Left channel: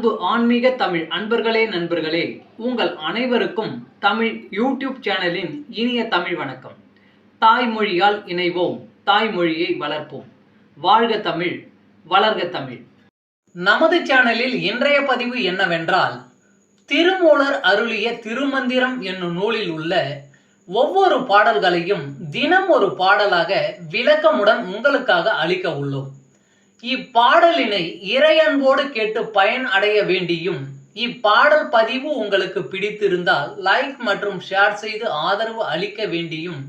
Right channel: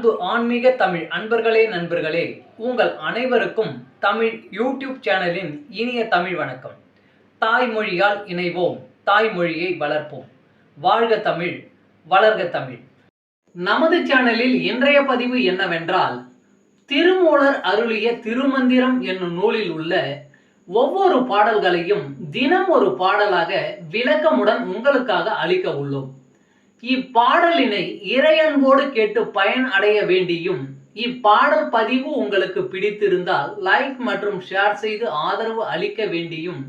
அன்பு ஆன்மீக தமிழ் அன்பர்களே நண்பர்களே, உங்கள் அனைவருக்கும் தமிழ் யூடியூப் சேனலின் இனிய தமிழ் வணக்கம். தாய்மொழியால் இணைவோம், தாய்மொழியை வளர்ப்போம். வாழ்க தமிழ், வளர்க தமிழ். நமது சேனலில் இன்றைய பதிவு என்னவென்றால், திருமூலர் அருளிய திருமந்திரம் என்னும் நூலில் உள்ள ஒவ்வொரு பாடல்களையும் தினம் ஒரு பாடலாக விளக்கமுடன் உங்களுக்காக அளிக்க உள்ளோம். இப்பாடலினை இறையன்போடு கேட்டு பயன் அடைய வேண்டியும், இப்பாடல் பதிவு உங்களுக்கு பிடித்திருந்தால் லைக் மற்றும் ஷேர் செய்து ஆதரவு அளிக்க வேண்டியும்,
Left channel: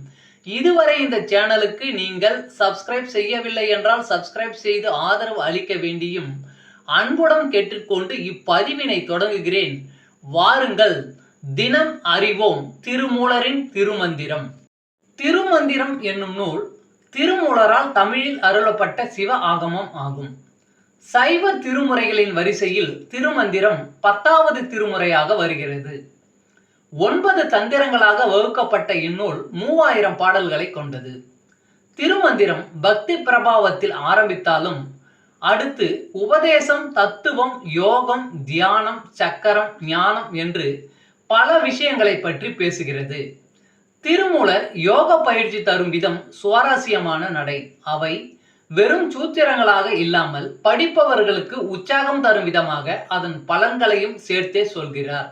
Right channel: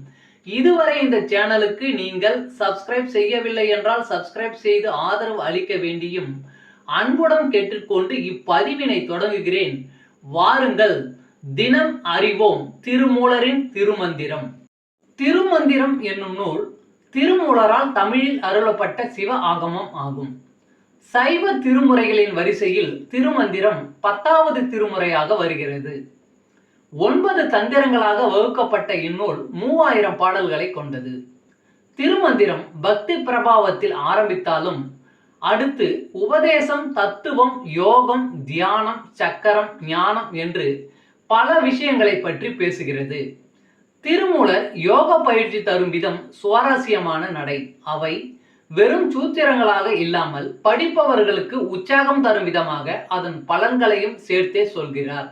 இதுவரை இந்த சேனலுக்கு நீங்கள் சப்ஸ்கிரைப் செய்யவில்லை என்றால் சப்ஸ்கிரைப் செய்து ஆதரவு அளிக்க வேண்டியும் அன்புடன் கேட்டுக்கொண்டு இப்பதிவினை தொடங்குகிறேன். வாருங்கள், தினம் அறிவோம் திருமூலரின் திருமந்திரம். திருமந்திரம் என்னும் நூல் திருமூலரால் தமிழில் அருளப்பட்ட சிவ ஆகமம் ஆகும். சைவ திருமுறைகளின் வரிசையில் திருமந்திரம் 10வது திருமுறையாக வருகிறது. 9 தந்திரங்களாக வகுக்கப்பட்ட இந்நூல் 3000 பாடல்களை கொண்டது. திருமந்திரம் பக்தி பிரபாவத்தில் ஆரம்பித்தாலும் அடுத்து உபதேசம், தத்துவம், யோகம், தியானம், சக்கரம், ஞானம் என்று பல விஷயங்களை பற்றி பேசுகிறது. திருமூலர் யோக பயிற்சி தரும் விதம் சுவாரஸ்யமான நடை. அவை வெறும் சூத்திரங்களாக இல்லாமல் படிப்பவர்களுக்கு உற்சாகம் தரும் விதமாக அதன் பலன்களையும் சேர்த்தே சொல்கிறார்.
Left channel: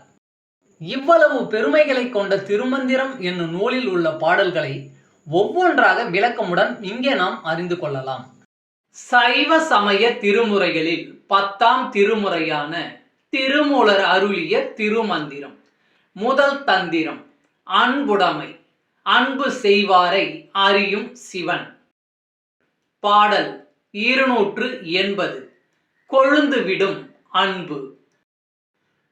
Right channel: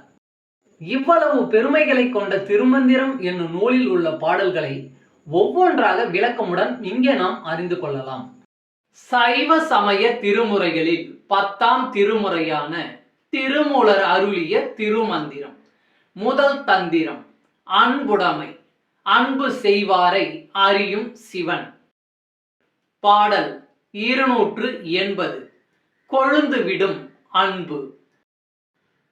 இவ்வளவு பெருமைகளை கொண்ட திருமந்திரம் என்னும் நூலில் உள்ள பாடல்களை ஒவ்வொன்றாக விளக்கமுடன் இங்கே நாம் அறிந்து கொள்ளலாம். சைவ சமய திருமுறைகளில் 10ஆம் திருமுறையான திருமூலர் அருளிய திருமந்திரம். முதல் தந்திரம் அன்புடைமை. அன்பு செய்வாரை அறியும் சிவன். பாடல் 280. கொழுந்து விடும் அன்பு.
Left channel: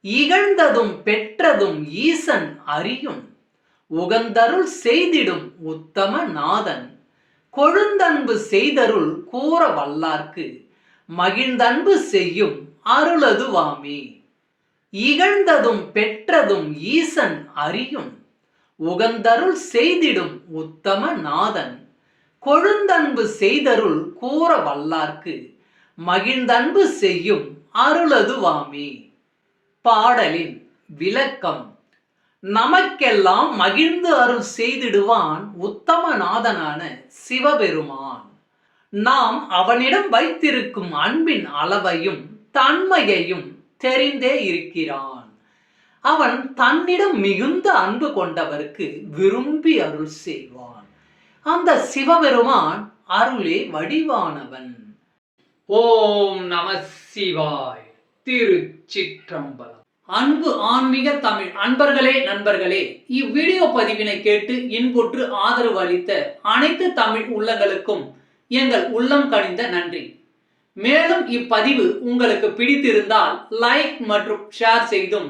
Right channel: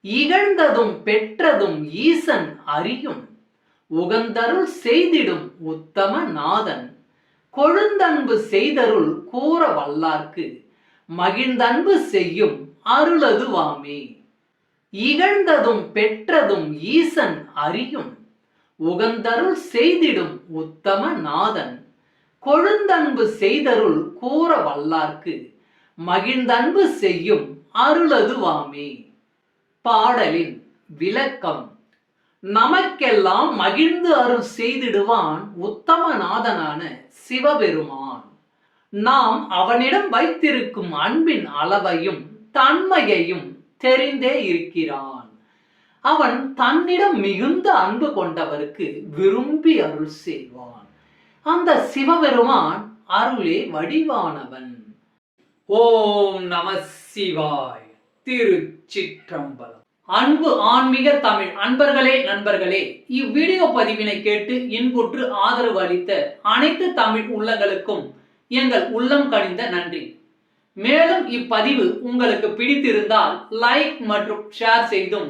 இகழ்ந்ததும் பெற்றதும் ஈசன் அறியும், உகந்தருள் செய்திடும் உத்தம நாதன். கொழுந்தன்பு செய்தருள் கூற வல்லார்க்கு, மகிழ்ந்தன்பு செய்யும் அருளதுவாமே. இகழ்ந்ததும் பெற்றதும் ஈசன் அறியும், உகந்தருள் செய்திடும் உத்தம நாதன். கொழுந்தன்பு செய்தருள் கூற வல்லார்க்கு, மகிழ்ந்தன்பு செய்யும் அருளதுவாமே. பாடலின் விளக்கம். நமக்கெல்லாம் மகிழ்ந்து அருள் செய்திடுவான் உத்தம நாதனான சிவபெருமான். நாம் அவனிடம் வைத்திருக்கும் அன்பின் அளவையும் தன்மையையும் தெரிந்தே இருக்கிறான். அவன் தன்னிடம் மிகுந்த அன்பு கொண்டவருக்கு விரும்பி அருள் செய்வான். அந்த சிவபெருமான் அருளே வடிவானவன். ஓம் நம சிவாய். திருச்சிற்றம்பலம். அன்பு ஆன்மீக தமிழ் அன்பர்களே நண்பர்களே, இவ்வீடியோ பதிவினை கேட்டு இன்புற்று ஆதரவு அளித்த அனைத்து தமிழ் உள்ளங்களுக்கும் எங்கள் உள்ளம் கனிந்த நன்றி. மேலும் இப்பதிவு உங்களுக்கு பிடித்திருந்தால் லைக் மற்றும் ஷேர் செய்தும்,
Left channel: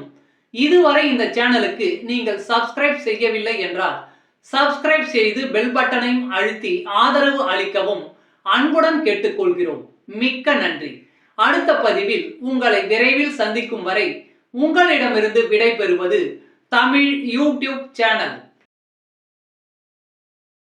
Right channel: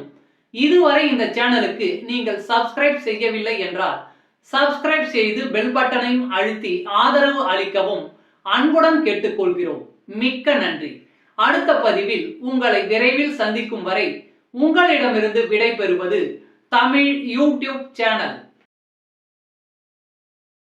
இதுவரை இந்த சேனலுக்கு நீங்கள் சப்ஸ்கிரைப் செய்யவில்லை என்றால் சப்ஸ்கிரைப் செய்து பெல் பட்டனையும் அழுத்தி ஆதரவு அளிக்கவும் அன்புடன் கேட்டுக்கொள்கிறோம். மிக்க நன்றி. அடுத்த பதிவில் உங்களை விரைவில் சந்திக்கும் வரை உங்களிடமிருந்து விடை பெறுவது தமிழ் யூடியூப் சேனல்.